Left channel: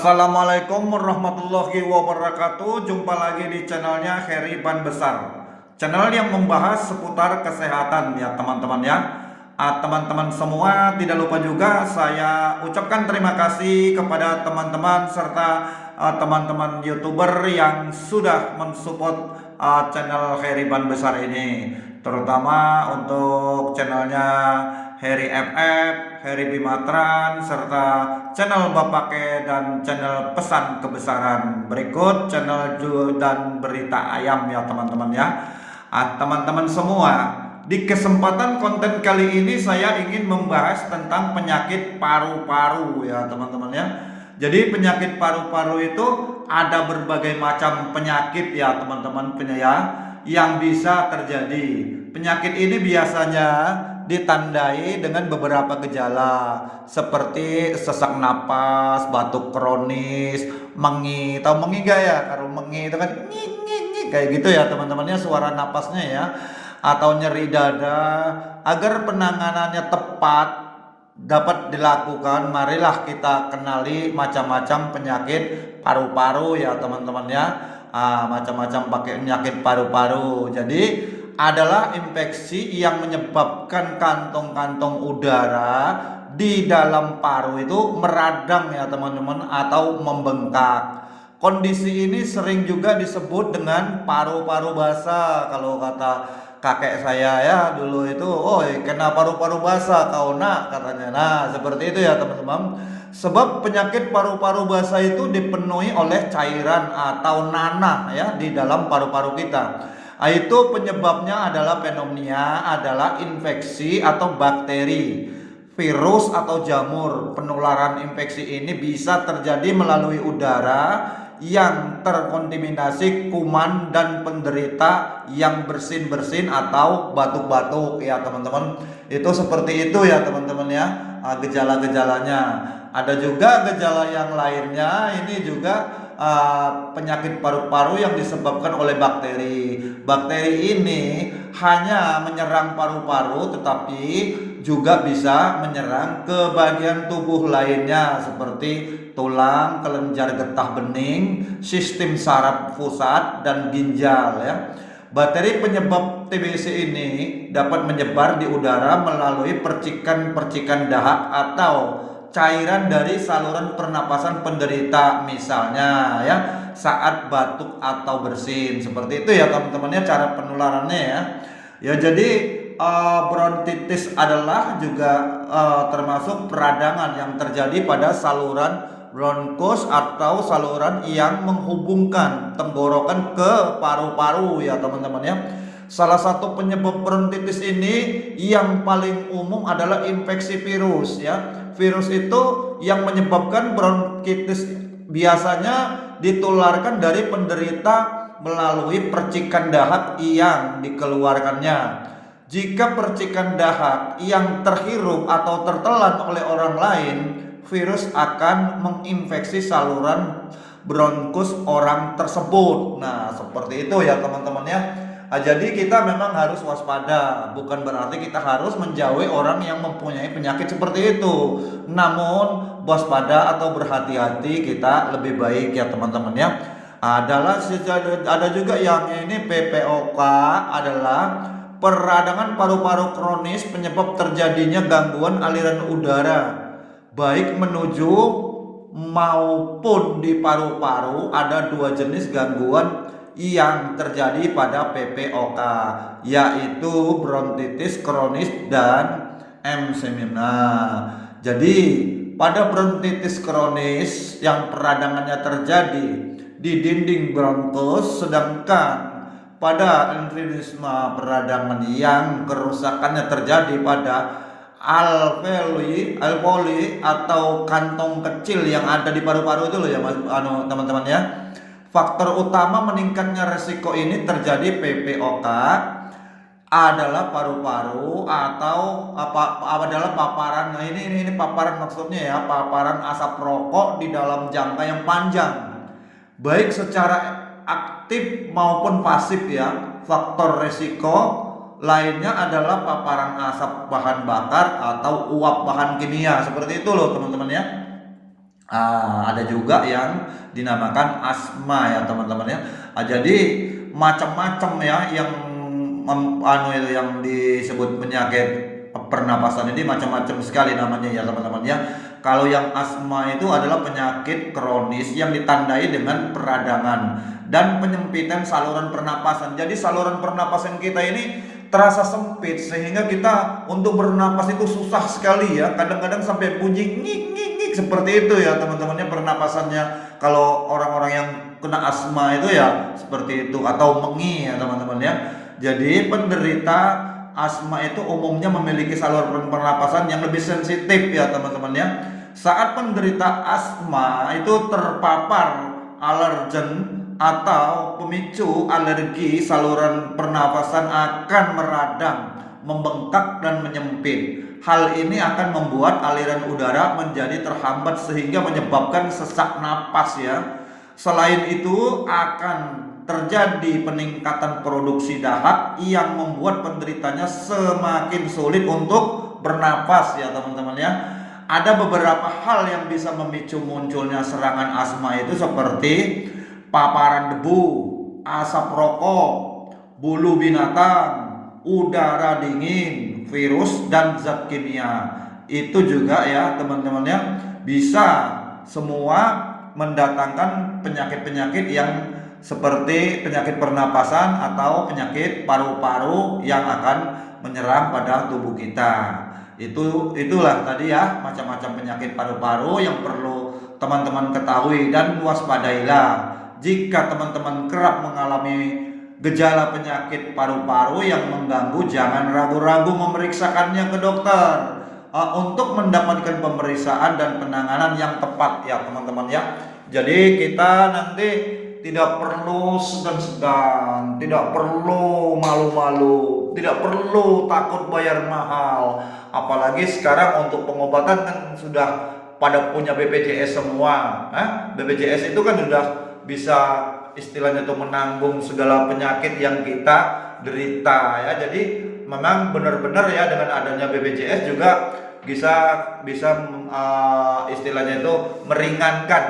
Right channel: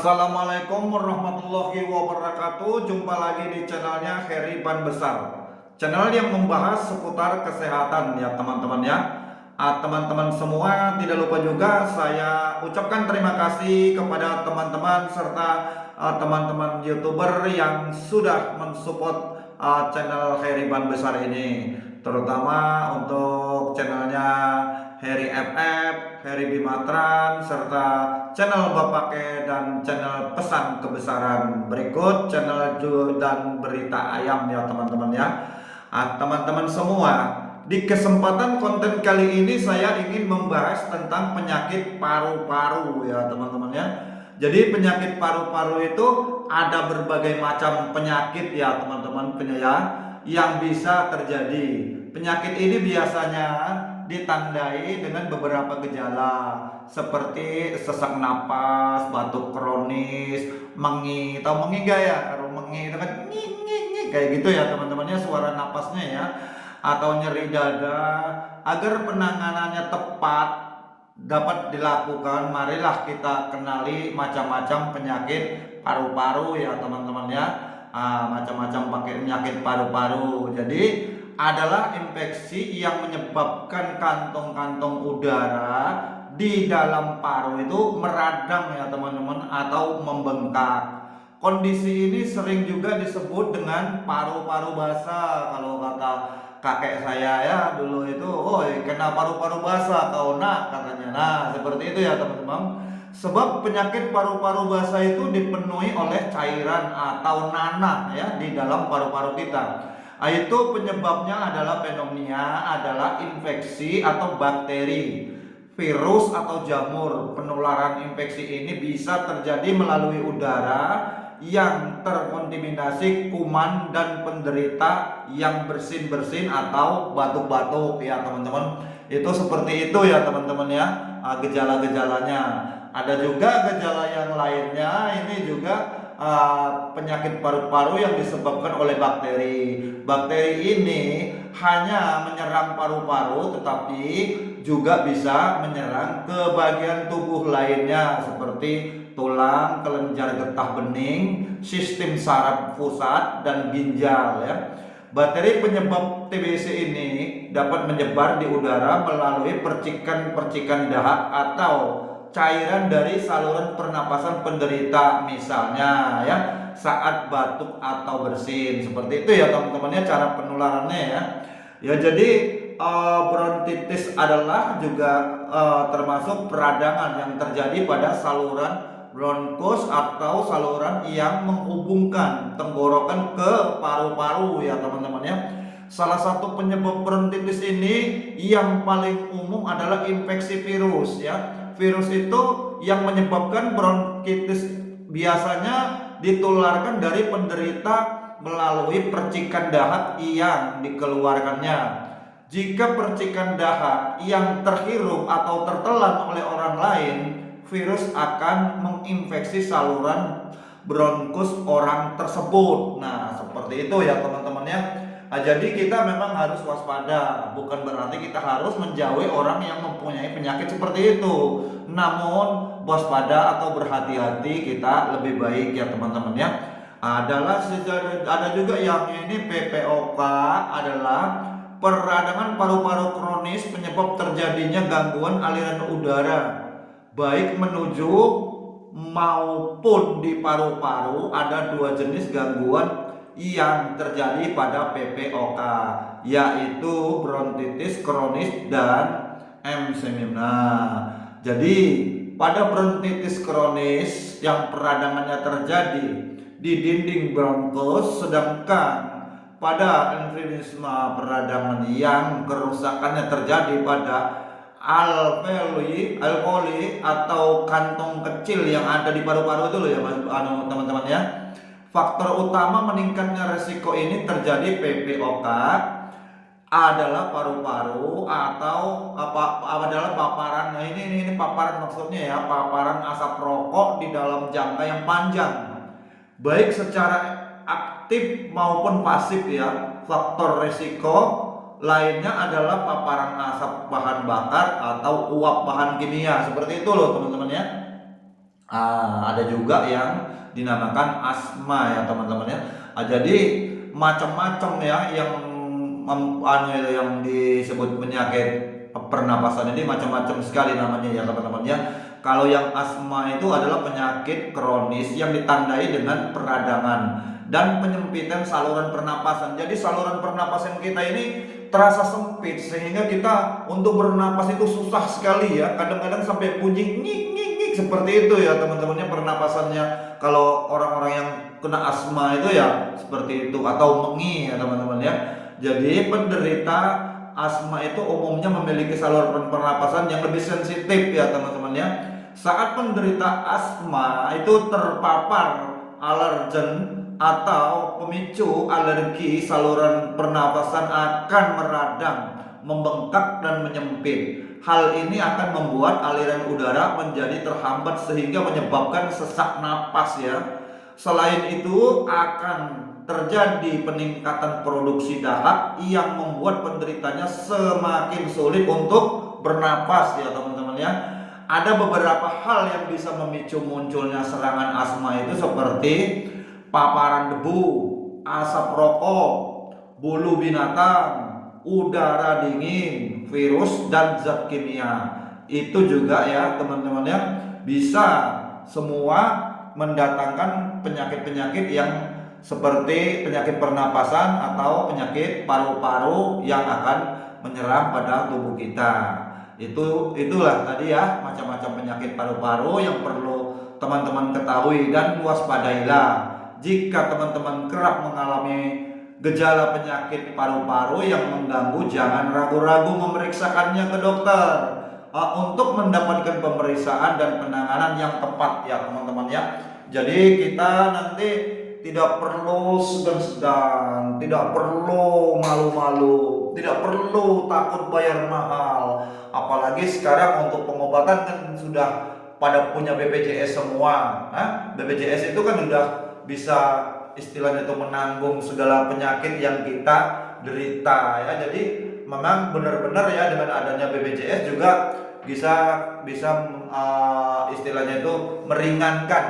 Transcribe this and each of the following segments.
Assalamualaikum warahmatullahi wabarakatuh. Jumpa lagi di channelnya Heri Ban Besar, channel yang membahas seputar kesehatan ya teman-teman ya. Teman-teman semua, tidak lupa juga saya ucapkan terima kasih kepada teman-teman serta teman-teman YouTuber yang sudah mensupport channel Heri Ban Besar ini, terutama untuk channelnya Heri FF, Heri Bimatran, serta channel Bapak Ke dan channel Pesan Kebesaran. Berikut channel dan berita ayam ya teman-teman ya. Teman-teman semua, di kesempatan konten kali ini saya ingin membahas tentang penyakit paru-paru ya teman-teman ya. Jadi penyakit paru-paru itu ada berbagai macam penyakit ya teman-teman ya, yang bisa terjadi. Penyakit ini biasanya ditandai dengan beberapa gejala seperti sesak napas, batuk kronis, mengi. Tahu mengi gak ya? Kalau mengi itu kan kayak gitu ya teman-temannya, suara napasnya ya, atau nyeri dada. Agar penanganannya tepat dapat dilakukan, marilah kita kenali macam-macam penyakit paru-paru ya teman-teman ya. Macam-macam pakai penyakit paru-paru. Jadi adalah infeksi yang menyebabkan kantong-kantong udara di dalam paru itu meradang ya teman-teman, atau membengkak. Kondisi ini sering juga disebut dengan paru-paru basah. Kalau kata kakek saya ya dulu itu, oh kena paru-paru basah kau nak, katanya. Nah seperti itu ya teman-teman. Sebab penyakit paru-paru basah itu dipenuhi oleh cairan atau nanah ya di dalam paru-paru kita. Itu penyebabnya adalah pneumonia, adalah infeksi atau bakteri, virus atau jamur. Penularan infeksi ini bisa terjadi melalui udara yang terkontaminasi kuman dan penderita yang bersin-bersin atau batuk-batuk ya teman-teman. Itu seperti itu ya teman-teman ya, gejala-gejalanya. Ada juga gejala yang lainnya, ini juga penyakit paru-paru yang disebabkan oleh bakteri. Bakteri ini hanya menyerang paru-paru, tetapi juga bisa menyerang ke bagian tubuh lainnya seperti tulang, kelenjar getah bening, sistem saraf pusat, dan ginjal ya. Bakteri penyebab TBC ini dapat menyebar di udara melalui percikan-percikan dahak atau cairan dari saluran pernapasan penderita, misalnya ya saat batuk atau bersin. Seperti itu ya teman-temannya cara penularannya ya. Ya jadi bronkitis adalah juga termasuk peradangan yang terjadi pada saluran bronkus atau saluran yang menghubungkan tenggorokan ke paru-paru ya teman-teman ya. Salah satu penyebab bronkitis ini yang paling umum adalah infeksi virus ya. Virus itu yang menyebabkan bronkitis biasanya ditularkan dari penderita melalui percikan dahak yang dikeluarkannya. Jika percikan dahak yang terhirup atau tertelan oleh orang lain, virus akan menginfeksi saluran bronkus orang tersebut. Nah, seperti itu ya teman-teman ya. Jadi kita memang harus waspada, bukan berarti kita harus menjauhi orang yang mempunyai penyakit seperti itu. Namun waspada atau berhati-hati kita lebih baik ya teman-teman ya. Ada juga yang ini PPOK, adalah peradangan paru-paru kronis penyebab terjadinya gangguan aliran udara baik menuju maupun di paru-paru. Ada dua jenis gangguan yang terjadi pada PPOK, yaitu bronkitis kronis dan emfisema. Jadi pada bronkitis kronis yang peradangannya terjadi di dinding bronkus, sedangkan pada emfisema peradangan yang kerusakannya terjadi pada alveoli atau kantong kecil yang ada di paru-paru itu loh ya teman-teman ya. Faktor utama meningkatnya resiko ini terjadi PPOK adalah paru-paru atau adalah paparan. Nah ini paparan maksudnya ya, paparan asap rokok di dalam jangka yang panjang, baik secara aktif maupun pasif ya. Faktor resiko lainnya adalah paparan asap bahan bakar atau uap bahan kimia. Seperti itu loh teman-teman ya. Ada juga yang dinamakan asma ya teman-teman ya. Jadi macam-macam ya yang itu yang disebut penyakit pernapasan ini macam-macam sekali namanya ya teman-teman ya. Kalau yang asma itu adalah penyakit kronis yang ditandai dengan peradangan dan penyempitan saluran pernapasan. Jadi saluran pernapasan kita ini terasa sempit sehingga kita untuk bernapas itu susah sekali ya. Kadang-kadang sampai bunyi ngik ngik ngik seperti itu ya teman-temannya pernapasannya. Kalau orang-orang yang kena asma itu ya seperti itu atau mengi ya teman-teman ya. Jadi penderita asma itu umumnya memiliki saluran pernapasan yang lebih sensitif ya teman-teman ya. Saat penderita asma itu terpapar alergen atau pemicu alergi, saluran pernafasan akan meradang, membengkak dan menyempit. Hal ini akan membuat aliran udara menjadi terhambat sehingga menyebabkan sesak napas ya. Selain itu akan terjadi peningkatan produksi dahak yang membuat penderitanya semakin sulit untuk bernapas ya teman-teman ya. Ada beberapa hal yang bisa memicu munculnya serangan asma itu seperti paparan debu, asap rokok, bulu binatang, udara dingin, virus dan zat kimia. Itu juga ya teman-teman ya bisa semua mendatangkan penyakit-penyakit yang seperti penyakit pernapasan atau penyakit paru-paru yang akan menyerang pada tubuh kita. Itulah tadi ya macam-macam penyakit paru-paru yang perlu teman-teman ketahui dan waspadailah. Jika teman-teman kerap mengalami gejala penyakit paru-paru yang mengganggu, jangan ragu-ragu memeriksakannya ke dokter untuk mendapatkan pemeriksaan dan penanganan yang tepat ya teman-teman ya. Jadi kita nanti tidak perlu segan-segan, tidak perlu malu-malu, tidak perlu takut bayar mahal. Apalagi sekarang untuk pengobatan kan sudah pada punya BPJS semua. BPJS itu kan sudah bisa istilahnya tuh menanggung segala penyakit yang kita derita ya. Jadi memang benar-benar ya dengan adanya BPJS juga bisa istilahnya itu meringankan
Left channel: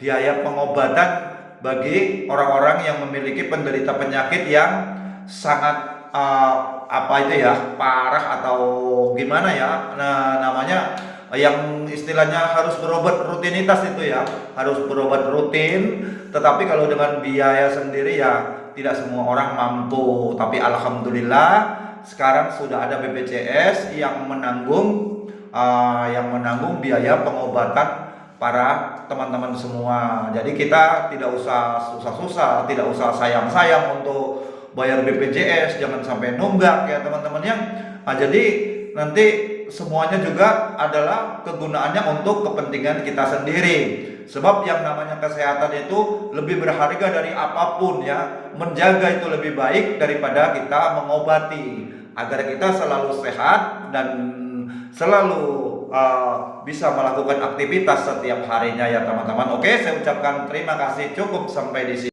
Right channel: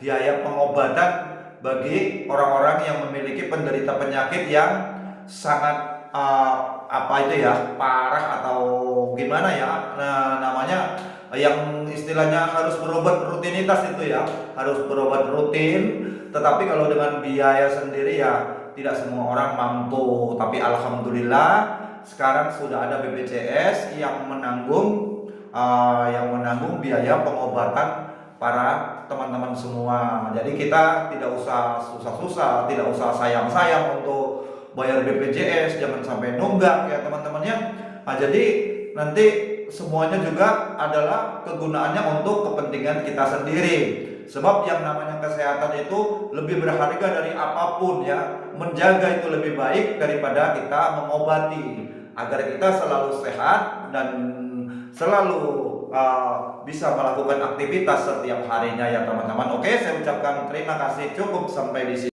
biaya pengobatan bagi orang-orang yang memiliki penderita penyakit yang sangat parah atau gimana ya namanya, yang istilahnya harus berobat rutinitas itu ya, harus berobat rutin. Tetapi kalau dengan biaya sendiri ya tidak semua orang mampu. Tapi alhamdulillah sekarang sudah ada BPJS yang menanggung biaya pengobatan para teman-teman semua. Jadi kita tidak usah susah-susah, tidak usah sayang-sayang untuk bayar BPJS, jangan sampai nunggak ya teman-teman ya. Jadi nanti semuanya juga adalah kegunaannya untuk kepentingan kita sendiri. Sebab yang namanya kesehatan itu lebih berharga dari apapun ya. Menjaga itu lebih baik daripada kita mengobati. Agar kita selalu sehat dan selalu bisa melakukan aktivitas setiap harinya ya teman-teman. Oke, saya ucapkan terima kasih, cukup sampai di sini.